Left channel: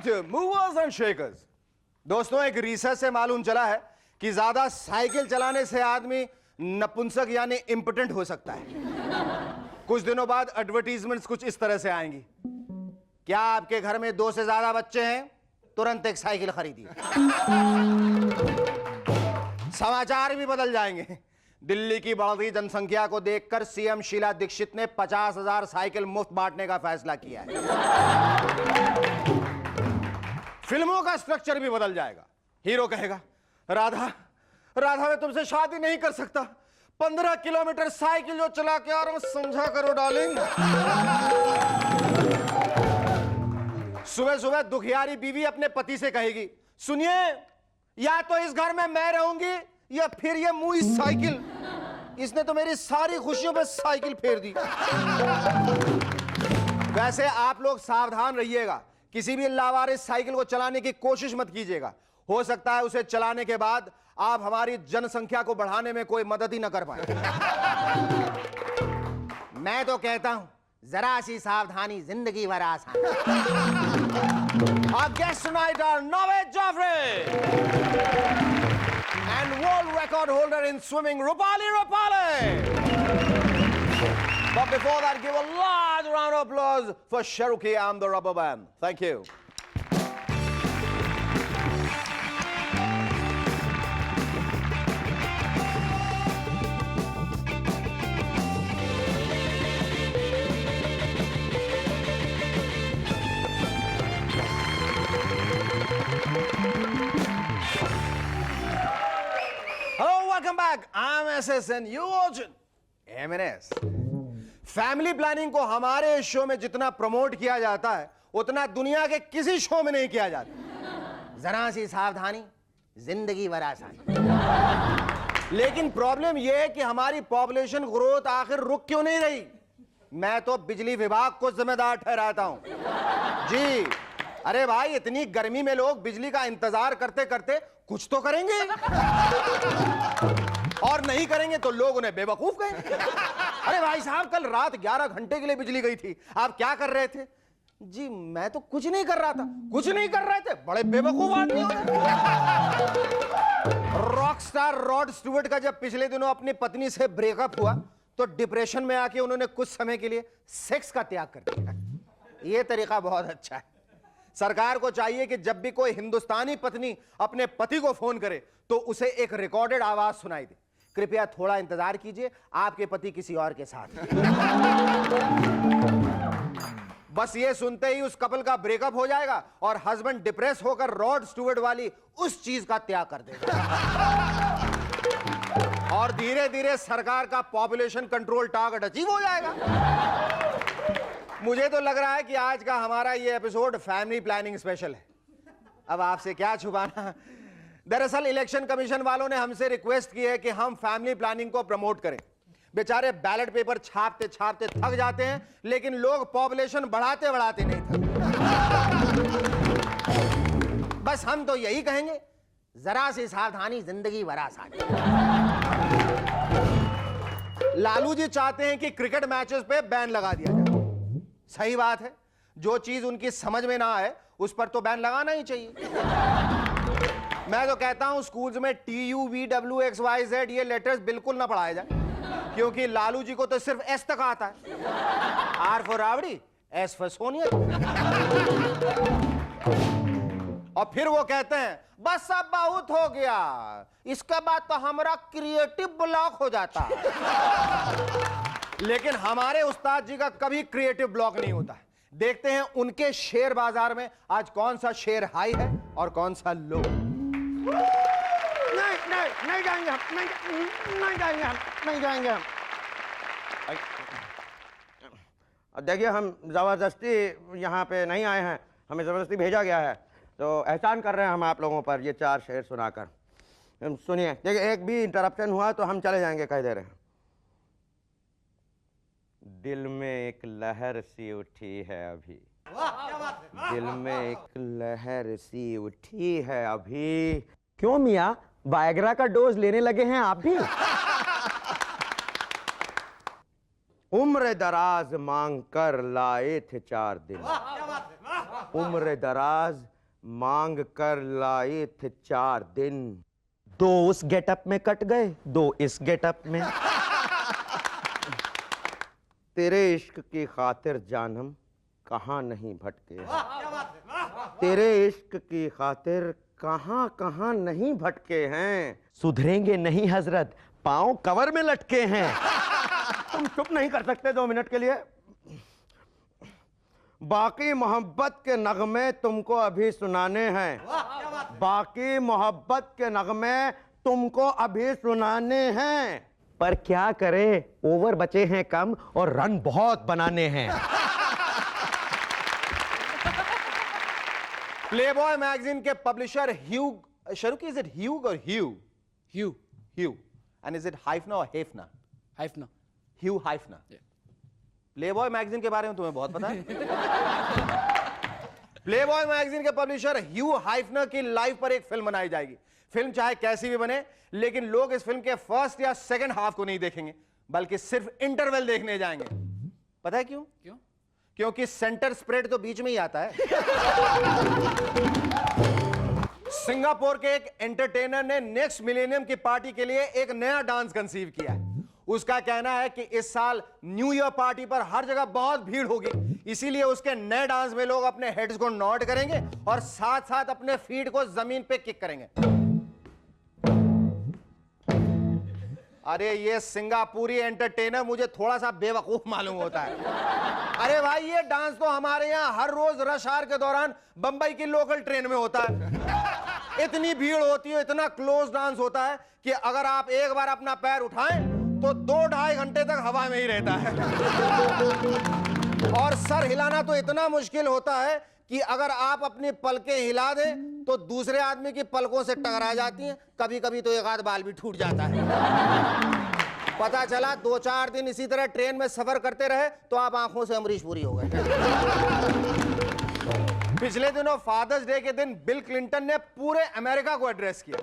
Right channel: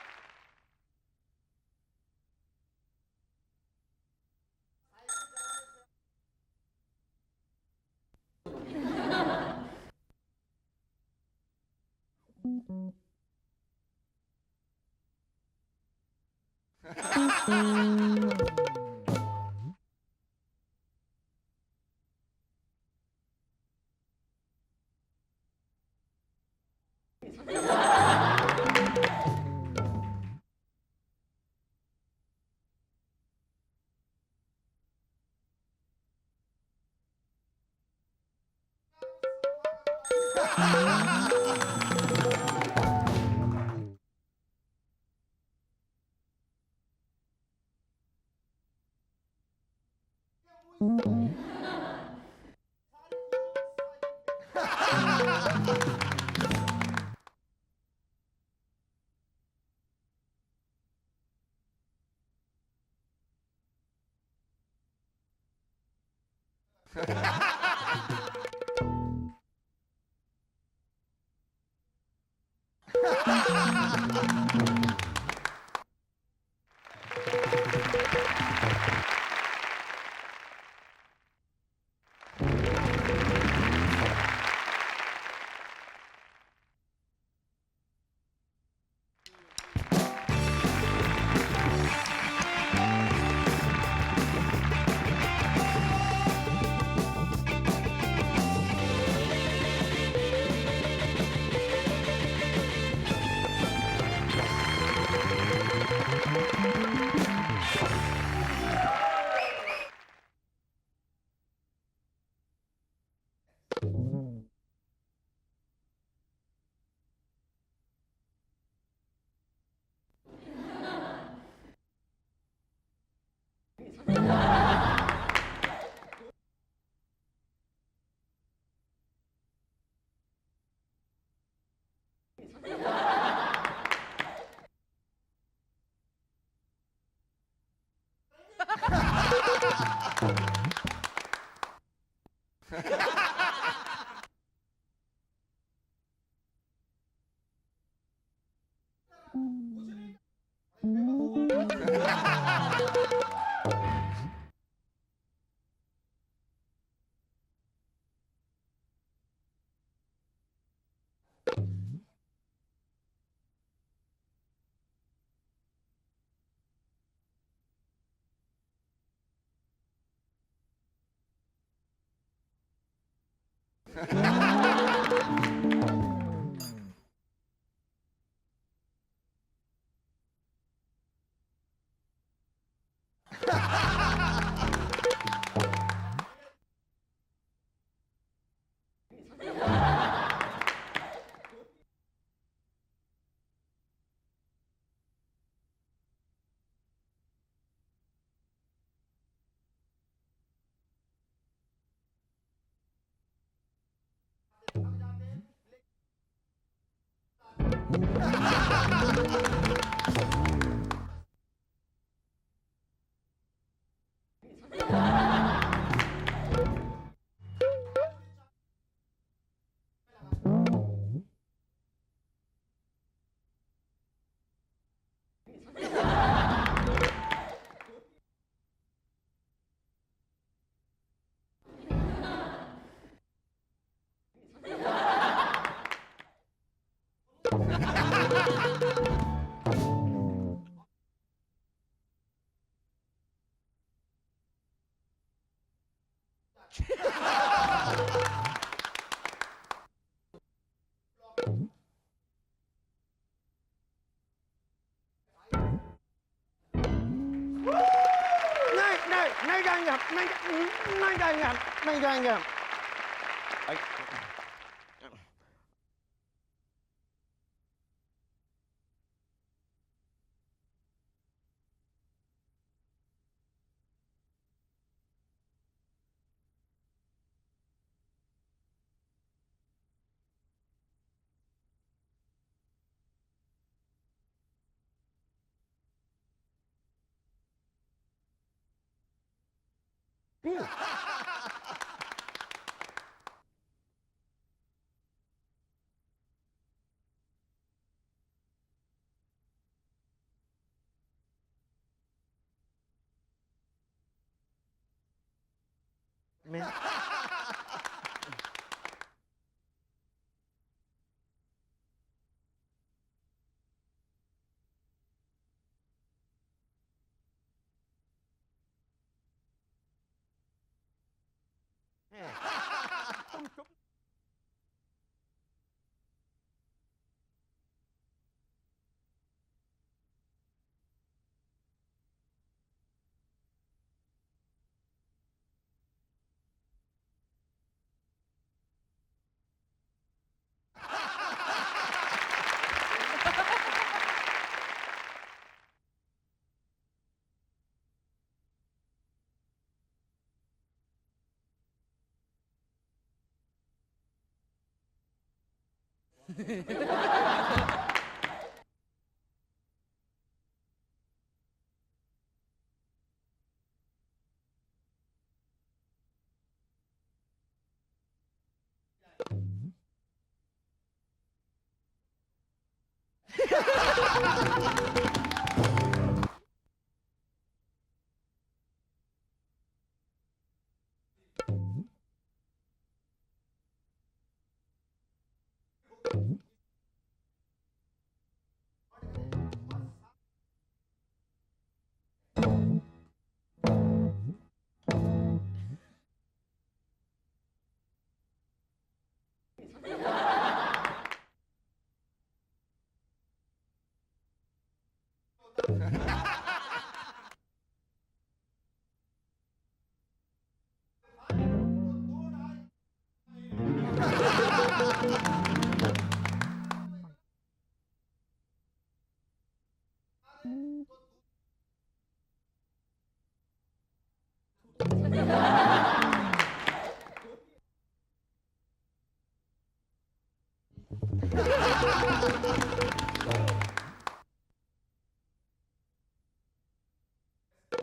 Welcome to Movers and Shakers. दोस्तों, एक research से मालूम चला है कि ज्यादा साइकिल चलाने से आदमी नपुंसक यानी इम्पोटेंट हो सकता है। कुछ दिनों बाद एडवर्टीजमेंट्स कुछ इस तरह से आएंगी। क्या आपके घर में 2 से ज्यादा बच्चे हैं? तुरंत एक साइकिल खरीदिए। समाचार भी बदल जाएंगे। दिल्ली की बढ़ती जनसंख्या को देखकर सीएम शीला दीक्षित ने 50,000 साइकिल मुफ्त बांटने का फैसला किया है। फिल्मों का स्ट्रक्चर भी बदल जाएगा। हीरो कहेगा, राधा राधा मैं तुमसे शादी नहीं कर सकता, 15 किलोमीटर साइकिल जो चला के आ रहा हूं, समझा करो डार्लिंग। सुबह सुबह दुखियारी बीवी अपने पति से कहेगी, सुनिए, या तो इस घर में मैं रहूंगी या फिर ये मुई साइकिल, इसने तो मेरी सारी खुशियों पे साइकिल फेर दी। वैसे आप लोग सावधान रहिएगा, किसी भी लावारिस साइकिल को चलाने की कोशिश मत कीजिएगा। हो सकता है उसे चलाने के बाद आप हमारी जनसंख्या को बढ़ाने में कोई मदद ही न कर पाए। मैं तो कहता हूं, जरा सी सावधानी जिंदगी भर आसान। Our guests tonight are Naved Jaffrey and world record holder in swimming Rupali Rupali. But before that, give a large round of applause for Cherokee and the Rubber Band. Thank you. I'm SSN, you watching M&S. Family planning को हमारे show में जितना promote किया जाता है उतना दुनिया के किसी शो में नहीं किया जाता। जरा सी सावधानी जिंदगी भर आसान। लेकिन प्रॉब्लम यह है कि हमारी पॉपुलेशन ग्रोथ आखिर रुक क्यों नहीं रही? मैं तो बिजली विभाग को जिम्मेदार ठहराता हूं। जी, अरे भाई, इतनी गर्मी में लोग बिजली का इंतजार करते करते कुछ तो करेंगे, और नहीं करेंगे तो लोग उन्हें बेवकूफ कहेंगे। अरे भाई साहब, कल रात 11 घंटे के लिए बिजली गई थी, आप क्या कर रहे थे? जी मैं तो कुछ नहीं कर रहा था। कुछ नहीं कर रहे थे? बड़े बेवकूफ आदमी। रॉक स्टार रॉड स्टुअर्ट का जब पिछले दिनों अपनी पत्नी से ब्रेकअप हुआ तो डिप्रेशन में आके उन्होंने कुछ समय के लिए सेक्स का त्याग कर दिया। यह तरीका बहुत अच्छा है। सरकार को चाहिए कि जब भी कोई हिंदुस्तानी पत्नी अपने पति को फोन करे तो उसे एक रिकॉर्डेड आवाज सुनाई दे, कृपया थोड़ा इंतजार कीजिए, आपके पति किसी और के साथ। बस ये सुनते ही उस कपल का ब्रेकअप हो जाएगा और हस्बैंड डिप्रेस होकर रॉड स्टुअर्ट वाली उस चीज का त्याग कर देगा। और धीरे धीरे सरकार का पॉपुलेशन कंट्रोल टारगेट अचीव हो जाएगा। मुझे तो लग रहा है कि आज का हमारा ये एपिसोड फैमिली प्लानिंग स्पेशल है। अब आपसे क्या छुपाना, दरअसल इलेक्शन कमीशन वालों ने हमसे रिक्वेस्ट की है कि हम फैमिली प्लानिंग को प्रमोट करें। बेचारे बैलेट पेपर छापते छापते थक जाते हैं, लेकिन लोग पॉपुलेशन बढ़ाते बढ़ाते नहीं थकते। बस हम तो यही कहेंगे, जरा सी सावधानी जिंदगी भर आसान। लालू जी चाहते हैं कि क्रिकेट मैचेस पे बैन लगा दिया जाए। सही बात है, जो चीज उनकी समझ में ना आए उस पर तो बैन लगाना ही चाहिए। मैं तो कहता हूं स्कूल्स में TUVWXYZ ये लेटर्स बिल्कुल ना पढ़ाए जाए, क्योंकि लालू जी को तो सिर्फ S तक आता है। R for rowdy, S for Sonia. और फिर वो कहते हैं बस अब बहुत हो गया, इसके बाद तो हमारा क्रिएटिव ब्लॉक हो जाता। लेकिन हमारे उस्ताद जी का कभी क्रिएटिव ब्लॉक नहीं होता है। देखते हैं उनके शेयर बाजार में आज कौन सा शेयर हाई है और कौन सा लो। नहीं जाएंगे हम, नहीं जाएंगे हम, नहीं जाएंगे हम। देखिए, हम जबरदस्ती यहाँ पे नहीं आए हैं, हमें जबरदस्ती भेजा गया है, तो एहसान कर रहे हैं हम आप लोगों पर ये 4 शेर सुनाकर। सुनिए, देखिए, एक भी इंटरप्शन हुआ तो हम चले जाएंगे, कह दे रहे हैं। दिल में एक लहर सी उठी है अभी, दिल में एक लहर सी उठी है अभी। क्यों मियाँ, वायग्रा का डोज लेने लगे हैं आप भी? उम्र दराज मांग कर लाए थे 4 दिन, उम्र दराज मांग कर लाए थे 4 दिन, 2 उस गेटअप में कट गए, 2 इस गेटअप में। तेरे इश्क की खातिर जानम कहाँ नहीं भटके, तेरे इश्क की खातिर कहाँ कहाँ नहीं भटके हैं। सुधरेंगे नहीं हजरत, पांव कवर में लटके हैं। तुम चुप नहीं कर सकते 2 मिनट के लिए? बाकी मोहब्बत के नगमे तुमको अभी सुनाने हैं, बाकी मोहब्बत के नगमे तुमको अभी सुनाने हैं। पर क्या करें, ओवर बचे हैं कम और रन बहुत बनाने हैं। प्लेबॉय मैगजीन के पब्लिशर ह्यूग शरुकी, is it Hugh or Hugh? Hugh. And is it Hefner or Hefner? हाइफना। Hue हाइफना। Playboy magazine के बारे में तुम्हें बहुत पता है। प्लेबॉय मैगजीन के पब्लिशर ह्यू हाइफनर की लाइफ पर एक फिल्म बनाई जाएगी। फिल्म चाहे कैसी भी बने, लेकिन लोग इस फिल्म के फर्स्ट या सेकंड हाफ को नहीं देखेंगे, बल्कि सिर्फ इंटरवल देखने जाएंगे। पता है क्यों? क्योंकि सेंटर स्प्रेड तो बीच में ही आता है। सिंगापुर के एक एंटरटेनर ने नेक्स्ट मिलेनियम की पार्टी के लिए एक नया डांस कंसीव किया है। उसका कहना है कि इस साल न्यू ईयर पार्टी पर हर जगह बहुत भीड़ होगी, इसीलिए उसके नए डांस में लोग अपने हेड्स को नॉड करेंगे और साथ साथ अपने फीट को जमीन पे किक करेंगे। अरे ये सिंगापुरी एंटरटेनर मुझे थोड़ा सा बेवकूफ मालूम होता है। अरे भाई, ये डांस तो हमारे यहाँ हर रोज रश आवर के दौरान बंबई की लोकल ट्रेन में होता है। इतनी भीड़ होती है, इतना क्लोज डांस होता है कि अगर आप एक बार अपना पैर उठाएं तो 2-2.5 घंटे तक हवा में ही रहता है। और सर हिलाना तो इतना मुश्किल होता है कि अगर आप अपनी पलकें हिला दें तो दूसरे आदमी की पलकों से टकरा जाती हैं। कभी कभी तो एक आध बाल भी टूट जाता है। पता चला 2-4 दिन इसी तरह ट्रेन में सफर करते रहे तो आप आंखों से अमरीश पुरी हो गए। पिछले दिनों फादर्स डे के दिन बिल क्लिंटन ने पूरे अमेरिका को एड्रेस किया।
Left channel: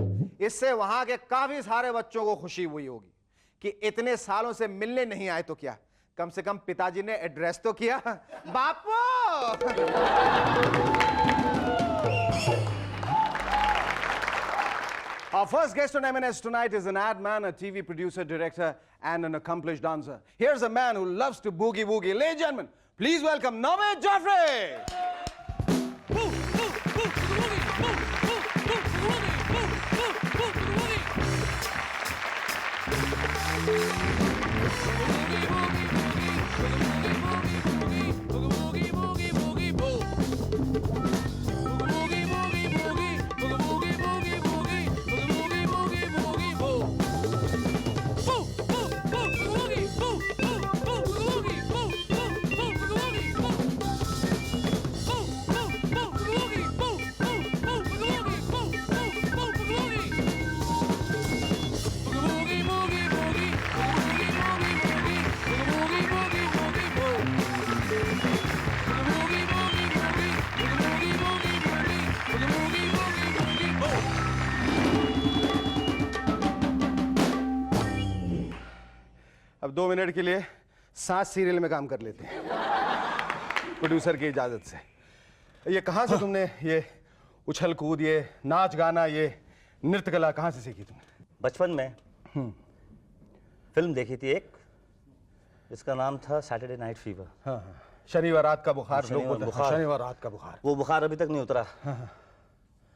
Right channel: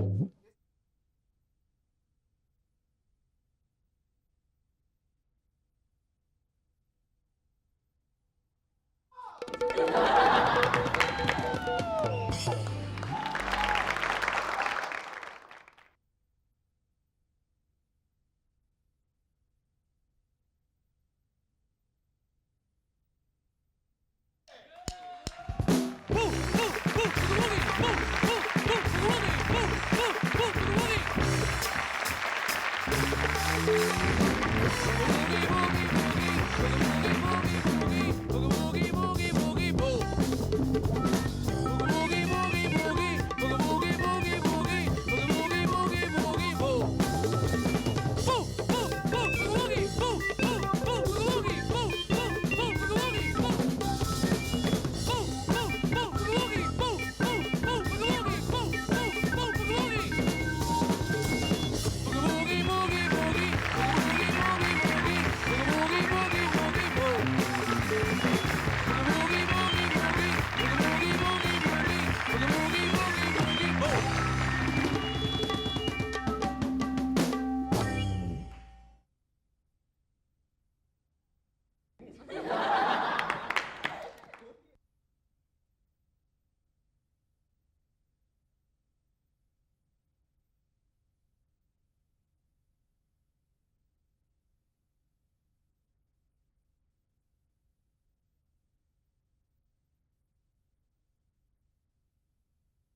इससे वहां के काफी सारे बच्चों को खुशी हुई होगी कि इतने सालों से मिलने नहीं आए तो क्या, कम से कम पिताजी ने एड्रेस तो किया। बापू! Our first guest on M&S tonight is an ad man, a TV producer, director, and an accomplished dancer. Here's a man who loves to boogie woogie. Ladies and gentlemen, please welcome Naved Jaffrey! अब 2 minute के लिए 7 serial में काम कर लेते हैं producer की इजाजत से। ये कहाँ से तुमने ये उछल कूद, ये नाच गाना, ये नृत्य कला कहाँ से सीखी तुमने? बचपन में फिल्म देखी थी एक, जिसका नाम था सैटरडे नाइट फीवर। हाँ हाँ, शनिवार रात का बुखार लोग बोलते हैं। बुखार। शनिवार रात का बुखार। वो बुखार अभी तक नहीं उतरा।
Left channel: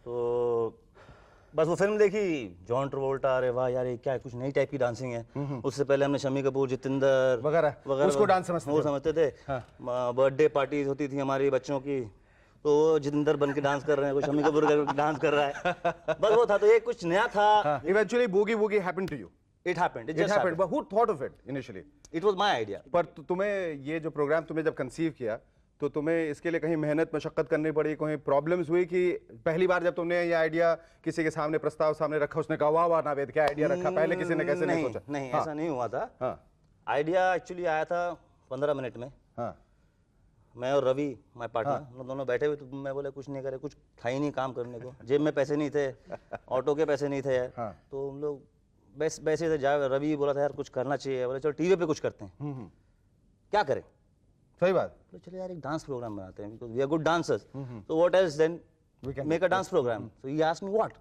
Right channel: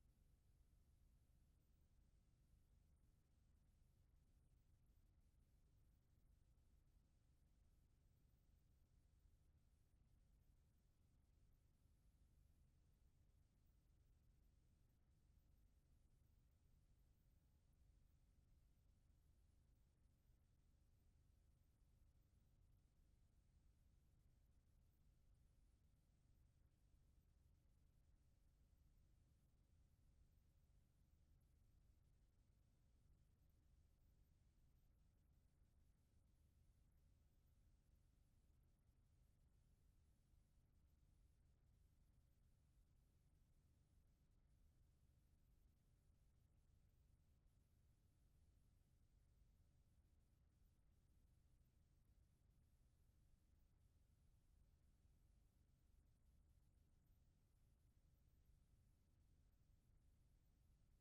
तो बस वो फिल्म देखी, जॉन ट्रवोल्टा, अरे वाह यार ये क्या है, कुछ नई टाइप की डांसिंग है। उससे पहले हमने शम्मी कपूर, जितेंद्र वगैरह उसको डांस समझते वो समझते थे। बर्थडे पार्टीज होती थी हमारी बच्चों की, तो वो जितेंद्र बन के डांस कर रहे हैं, कोई शम्मी कपूर का डांस कर रहा है। बस वो था, तो ये कुछ नया था। Eventually boogie woogie happened to you? It happened. It happened. But who thought of it initially? It was my idea. पर तुम्हें ये जो प्रोग्राम तुमने जब कंसीव किया तो तुम्हें इसके लिए कहीं मेहनत मशक्कत करनी पड़ी, कोई प्रॉब्लम्स हुई कि पहली बार जब तुमने ये आइडिया किसी के सामने प्रस्ताव सामने रखा, उसने कहा वाह वाह नावेद क्या आइडिया रखा, पहले किसी ने कैसे नहीं सोचा? नहीं, ऐसा नहीं हुआ था। आइडिया एक्चुअली आया था 15 मिनट में। मैं और रवि माय पार्टनर, हम दोनों बैठे हुए, तो मैं बोले कुछ नहीं करे, कुछ था ही नहीं काम करने को, जेब में पैसे नहीं थे, ऑटो के पैसे नहीं थे यार। तो हम लोग वैसे थे, रवि बोला था यार कुछ करना चाहिए, बोले चलो टीवी पे कुछ करते हैं। क्या करें? सही बात. तो चलिए यार एक डांस प्रोग्राम बनाते हैं, because we are good dancers. So what else then? We can Make a dance program. So he asked me what?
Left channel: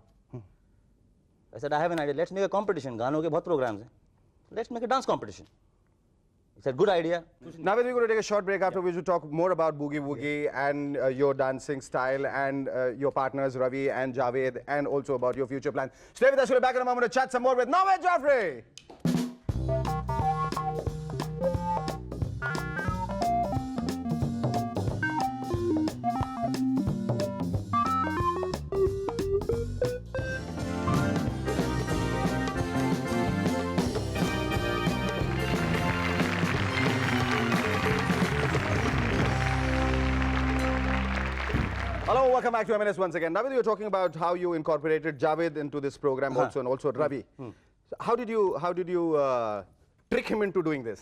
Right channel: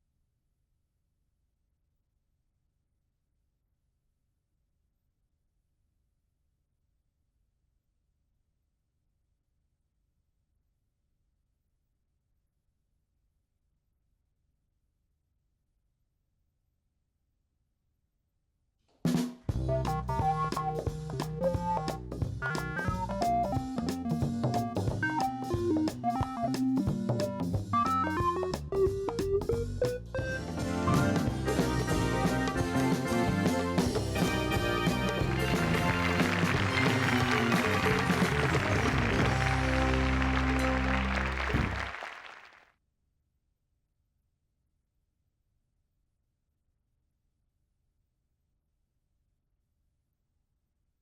I said I have an idea. Let's make a competition. गानों के बहुत programs हैं. Let's make a dance competition. He said good idea. Now we're going to take a short break, after which we'll talk more about Boogie Woogie and your dancing style and your partners Ravi and Javed, and also about your future plans. Stay with us. We'll be back in a moment to chat some more with Naved Jaffrey. Hello, welcome back to M&S once again. Navid, you were talking about how you incorporated Javed into this program also, and also Ravi. So how did you trick him into doing this?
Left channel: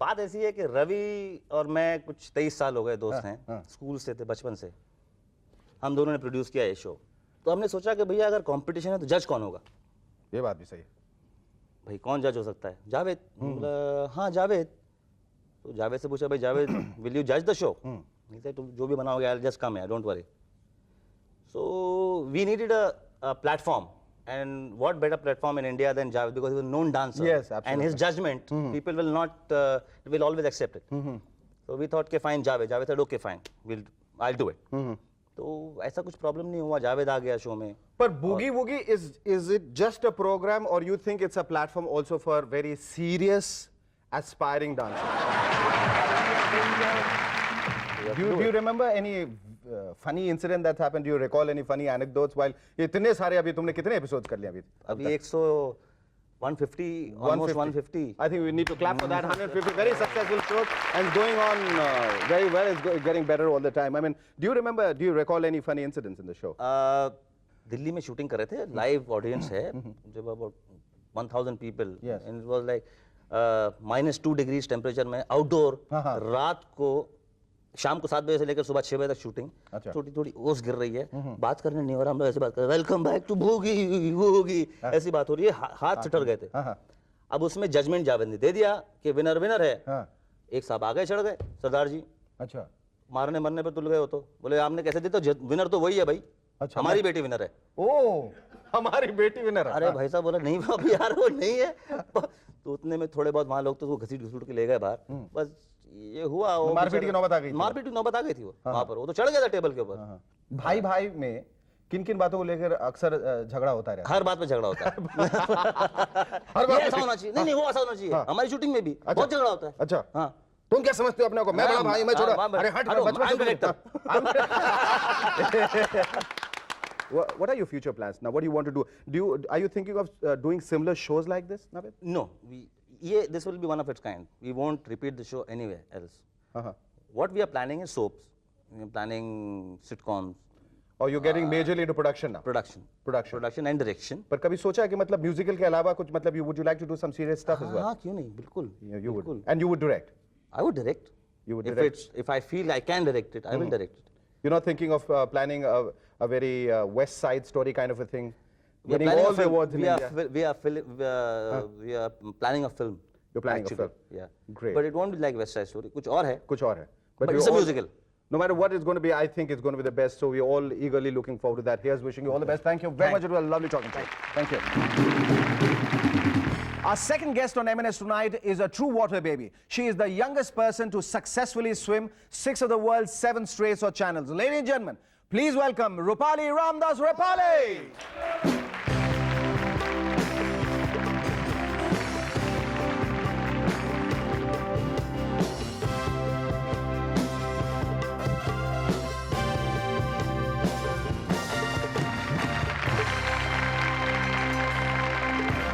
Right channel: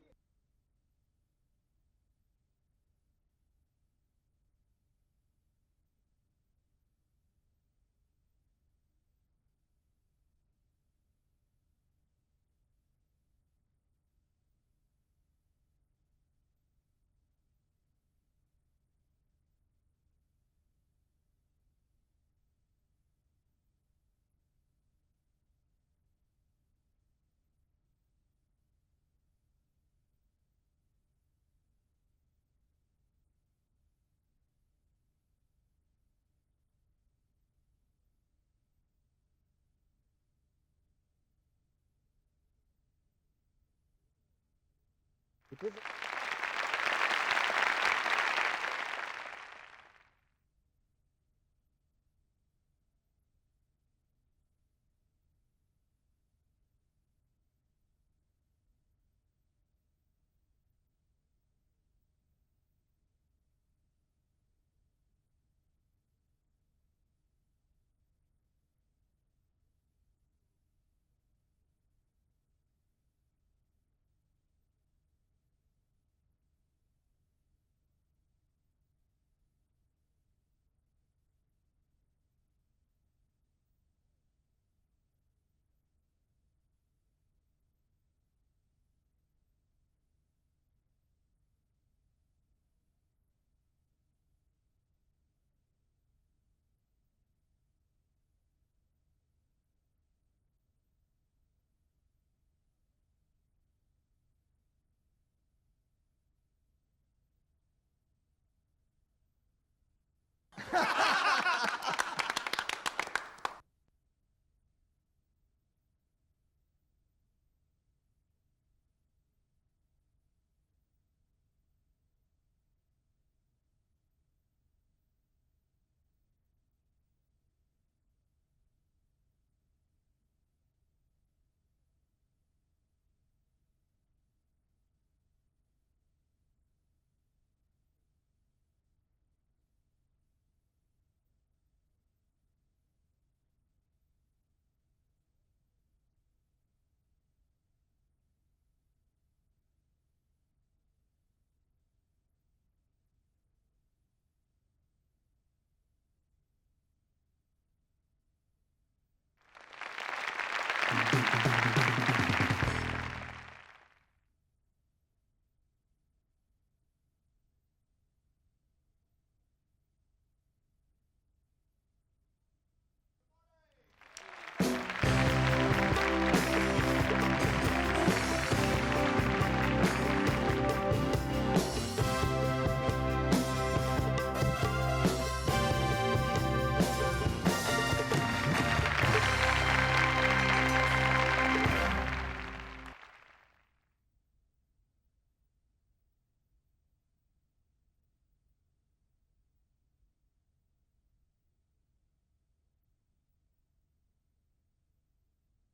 बात ऐसी है कि रवि और मैं कुछ 23 साल हो गए दोस्त हैं, स्कूल से थे, बचपन से हम दोनों ने प्रोड्यूस किया ये शो. तो हमने सोचा कि भैया अगर कंपटीशन है तो जज कौन होगा. ये बात भी सही है. भाई कौन जज हो सकता है. जावेद. बोला हाँ जावेद. तो जावेद से पूछा भाई जावेद विल यू जज द शो. तुम जो भी बनाओगे I just come here, don't worry. So we needed a platform. And what better platform in India than Javed, because he was a known dancer. Yes, absolutely. And his judgment, people will not, will always accept it. So we thought, okay, fine, Javed. Javed said, okay, fine, I'll do it. तो ऐसा कुछ problem नहीं हुआ. जावेद आ गया show में. But Boogie Woogie, is it just a program, or you think it's a platform also for very serious, aspiring dancers? Do you remember any funny incident that's happened? Do you recall any funny anecdotes while इतने सारे अभी तुमने कितने episodes कर लिए अभी 150 almost 150. I think we need to clap for that. 150 very successful shows and going on very well. It's getting better all the time. I mean, do you recall any funny incidents in the show? Delhi में shooting कर रहे थे, live audience है, जब about 1000 people. Yes. And it was like -2 degrees temperature में outdoor. रात को शाम को 7 बजे से लेकर सुबह 6 बजे तक शूटिंग. थोड़ी थोड़ी ओस गिर रही है, बात करने नहीं हो रहा. हम लोग ऐसे बात कर रहे हैं, वेलकम बैक टू भूगी, ऐसी बात हो रही है. हाथ चटर गए थे. अब उसमें जजमेंट जावेद ने दे दिया कि विनर है. एक साहब आगे चढ़ गए, सरदार जी. अच्छा. मारने मरने पर तुल गए हो. तो बोले आपने कैसे दिया. तो विनर तो वही है भाई. अच्छा, हमारी बेटी विनर है. ओ हमारी बेटी विनर है. अरे भाई साहब बोला नहीं अभी यार वो नहीं है. तो उतने में थोड़े बहुत वहाँ लोग तो वो घसीट घसीट के ले गए बाहर. बस ये हुआ. वो मारपीट की नौबत आ गई थी. मारपीट की नौबत आ गई थी. वो वहाँ पर वो तो चढ़ गया था टेबल के ऊपर. भाई में किन बातों को लेकर अक्सर झगड़ा होता है. हर बात पे झगड़ा होता है. हर बात ऐसा होना चाहिए. नहीं वो ऐसा होना चाहिए. हमारी शूटिंग में भी बहुत झगड़ा होता है. अच्छा. हाँ. तुम क्या समझते हो अपने को. मैं बड़ा भाई, मैं छोटा. अरे हट. What are your future plans now? What do you want to do? Are you thinking of doing similar shows like this, Navid? No, this will be one of its kind. We won't repeat the show anywhere else. What we are planning is soaps. We are planning sitcoms. Or you're getting majorly into production now? Production and direction. पर कभी सोचा है कि मतलब musical के अलावा कुछ मतलब would you like to do some serious stuff as well? हाँ क्यों नहीं, बिल्कुल. You would. And you would direct? I would direct. You would direct? If I feel I can direct it, I will direct it. You're not thinking of planning a very West Side Story kind of a thing? We are planning a film. We are planning a film. You're planning a film? Yeah. Great. But it won't be like West Side Story. कुछ और है. कुछ और है. But it's a musical. No matter what it's going to be, I think it's going to be the best. So we're all eagerly looking forward to that. Here's wishing you all the best. Thank you very much. It was lovely talking to you. Thank you. Our second guest on M&S tonight is a true water baby. She is the youngest person to successfully swim 6 of the world's 7 straits or channels. Ladies and gentlemen, please welcome Roopali Ramdas Roopali.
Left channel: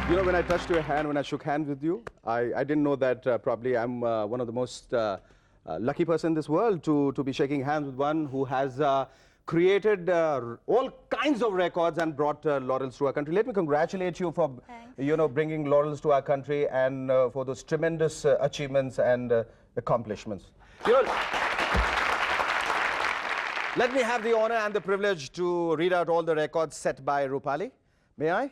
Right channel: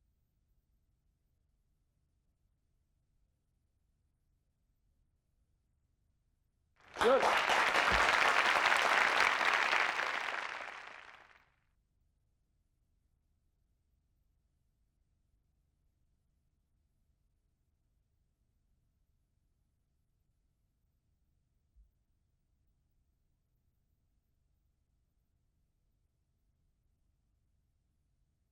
You know, when I touched your hand, when I shook hands with you, I didn't know that probably I'm one of the most lucky person in this world to be shaking hands with one who has created all kinds of records and brought laurels to our country. Let me congratulate you for, you know, bringing laurels to our country and for those tremendous achievements and accomplishments. You know, let me have the honor and the privilege to read out all the records set by Roopali. May I?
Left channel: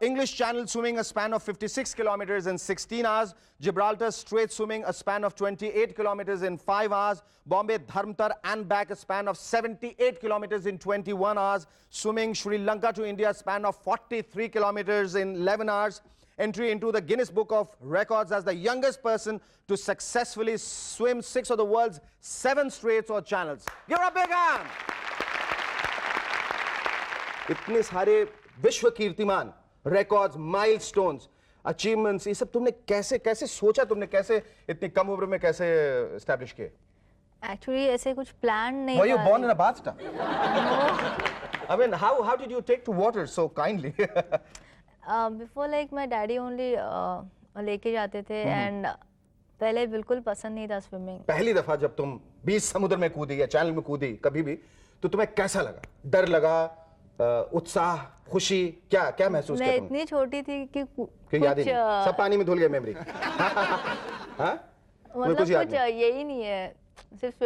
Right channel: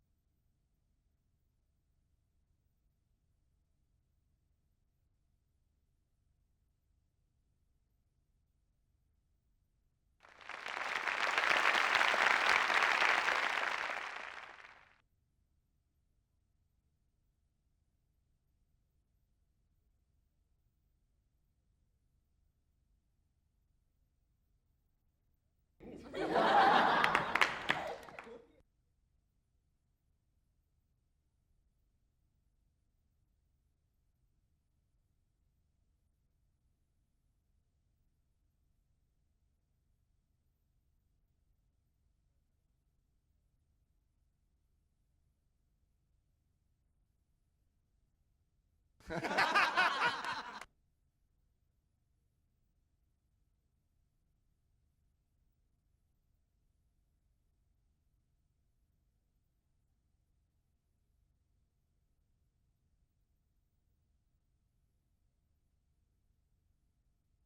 English Channel swimming a span of 56 kilometers in 16 hours. Gibraltar Strait swimming a span of 28 kilometers in 5 hours. Bombay Dharmtar and back a span of 78 kilometers in 21 hours. Swimming Sri Lanka to India span of 43 kilometers in 11 hours. Entry into the Guinness Book of Records as the youngest person to successfully swim 6 of the world's 7 straits or channels. Give her a big hand! इतने सारे विश्व कीर्तिमान, records, milestones, achievements, ये सब तुमने कैसे सोचा, तुमने कैसे इतनी कम उम्र में कैसे establish किए? एक्चुअली ऐसे कुछ प्लान नहीं Were you था। born in a bathtub? I mean, how did you take to water so kindly? Before like my daddy only लेके जाते थे एंड पहले बिल्कुल पसंद नहीं था स्विमिंग। पहली दफा जब तुम बीच समुद्र में कूदी या चैनल में कूदी कभी भी, तो तुम्हें कैसा लगा? डर लगा, उत्साह, खुशी, क्या क्या महसूस किया मैं तुमने? इतनी छोटी थी कि कि याद ही नहीं, सब पानी में धुल गया मेमोरी। हाँ? मतलब कुछ याद कुछ यही नहीं है, सिर्फ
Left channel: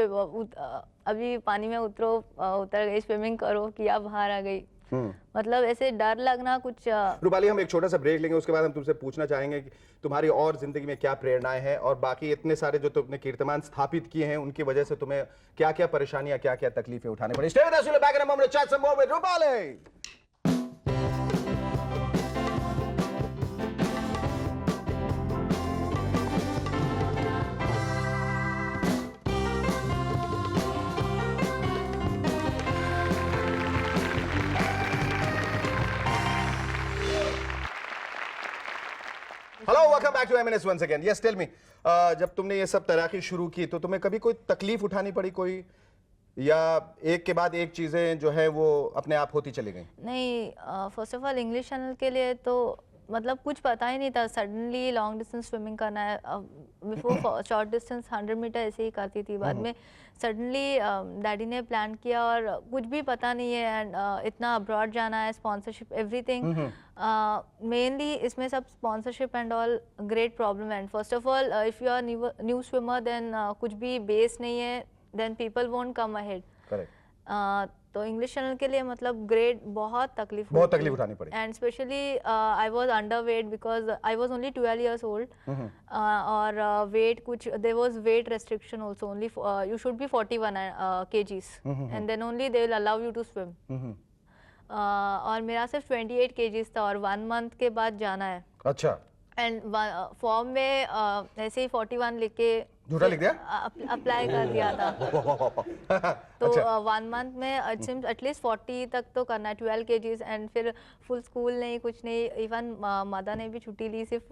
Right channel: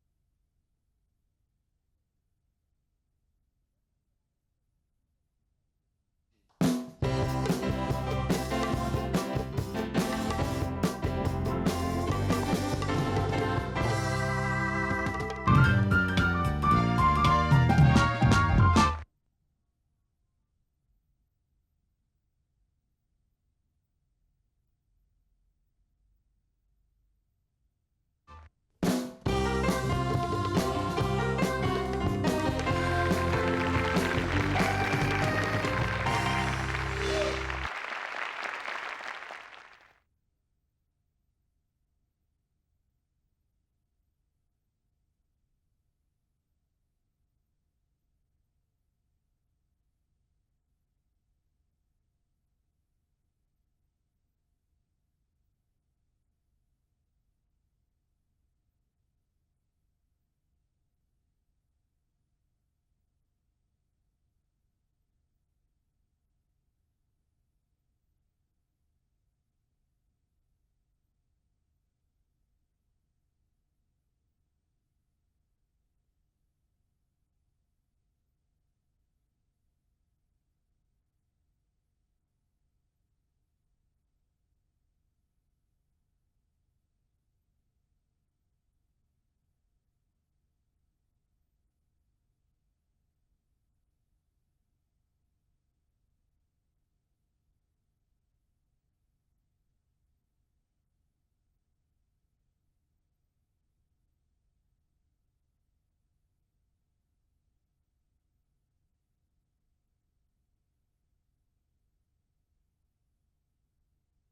अभी पानी में उतर गई, स्विमिंग करो किया, बाहर आ गई। मतलब ऐसे डर लगना कुछ। रूपाली, हम एक छोटा सा ब्रेक लेंगे, उसके बाद हम तुमसे पूछना चाहेंगे तुम्हारी और जिंदगी में क्या प्रेरणाएं हैं और बाकी इतने सारे जो तुमने कीर्तिमान स्थापित किए हैं उनकी वजह से तुम्हें क्या क्या परेशानियां, क्या क्या तकलीफें उठानी पड़ी। Stay with us, we'll be back in a moment to chat some more with Rupali. Hello, welcome back to MNS once again. Yes, tell me, जब तुमने ये सब तैराकी शुरू की तो तुम्हें कभी कोई तकलीफ उठानी पड़ी कोई, या एक के बाद एक चीजें जो है वो अपने आप होती चली गई? नहीं, first of all English Channel के लिए तो मतलब कुछ पता ही नहीं था। सडनली लॉन्ग डिस्टेंस स्विमिंग करना है। बिफोर शॉर्ट डिस्टेंस 100 मीटर ऐसे ही करती थी, बाद में सडनली डैडी ने प्लान किया और कुछ भी पता नहीं है एंड इतना अब्रॉड जाना है, स्पॉन्सरशिप एवरीथिंग। मेनली इसमें सब sponsorship and all great problem. And first of all if you are new swimmer then कुछ भी बेस नहीं है, then people won't come ahead. Correct. तो इंग्लिश चैनल के लिए मतलब ग्रेट बहुत तकलीफ उठानी पड़ी। And specially I was under weight because I was only 12 years old। और वेट कुछ there was weight restriction also, only you should be 41 kgs and then only they will allow you to swim. और मेरा सिर्फ 28 kgs था और 1 month के बाद जाना है। अच्छा। एंड फॉर्म में ऐसे ही 41 लिख के झूठा लिख दिया, अप्लाई कर दिया था। तो 1 month में एटलीस्ट 40 तक तो करना है, 12 kgs। एंड फिर फुल स्कूल नहीं, कुछ नहीं, इवन मदर ने भी छुट्टी ली सिर्फ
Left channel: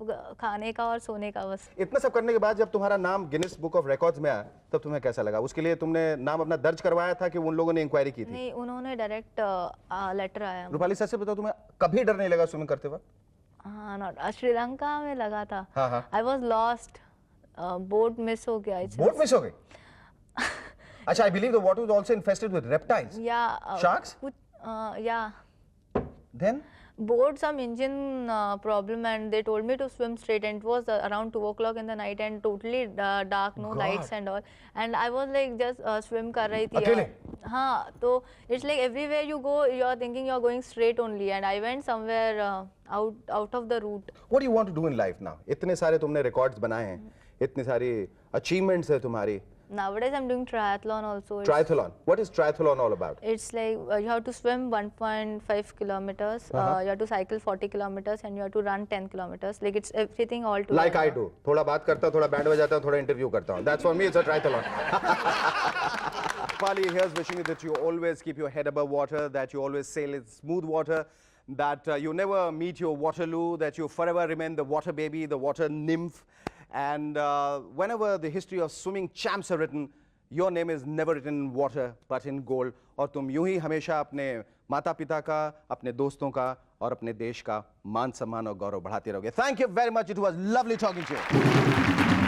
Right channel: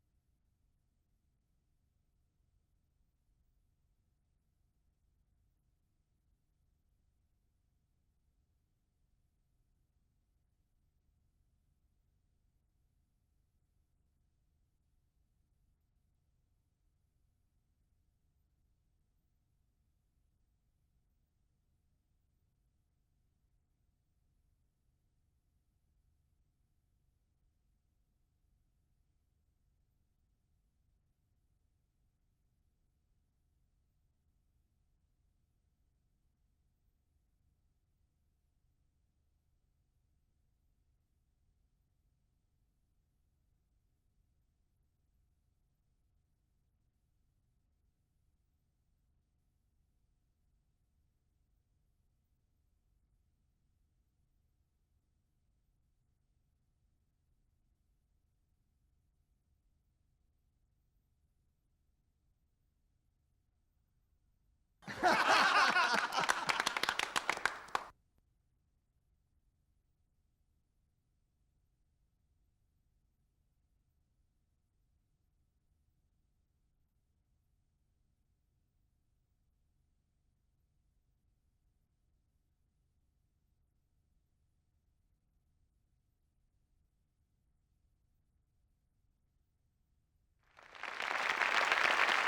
खाने का और सोने का बस। इतना सब करने के बाद जब तुम्हारा नाम गिनीज बुक ऑफ रिकॉर्ड्स में आया तब तुम्हें कैसा लगा? उसके लिए तुमने नाम अपना दर्ज करवाया था कि उन लोगों ने इंक्वायरी की थी? नहीं, उन्होंने डायरेक्ट लेटर आया। रूपाली, सच से बताओ, तुम्हें कभी डर नहीं लगा स्विमिंग करते वक्त? हाँ, नॉट श्रीलंका में लगा था। हाँ। I was lost, boat miss हो गया। बोट मिस हो गई? अच्छा, I believe the water was also infested with reptiles. या शार्क्स? या then board some engine problem and they told me to swim straight, and it was around 2 o'clock in the night and totally dark, no lights and all, and I was like just swim कर रही थी अकेले? हाँ, तो it's like everywhere you go you are thinking you are going straight only, and I went somewhere out of the route. What do you want to do in life now? इतने सारे तुमने records बनाए हैं, इतनी सारी achievements है तुम्हारी। Nowadays I'm doing triathlon also. Triathlon. What is triathlon all about? It's like you have to swim 1.5 kilometers, you have to cycle 40 kilometers, and you have to run 10 kilometers. Like it's everything all together. Like I do. थोड़ा बात करता हूँ, थोड़ा band बजाता हूँ, थोड़ा interview करता हूँ. That's for me. It's a triathlon. Rupali, here's wishing you that you always keep your head above water, that you always sail in smooth water, that you never meet your Waterloo, that you forever remain the water baby, the water nymph. And whenever the history of swimming champs are written, your name is never written in water but in gold. और तुम यूं ही हमेशा अपने माता पिता का, अपने दोस्तों का और अपने देश का मान सम्मान और गौरव बढ़ाते रहोगे. Thank you very much. It was lovely talking to you.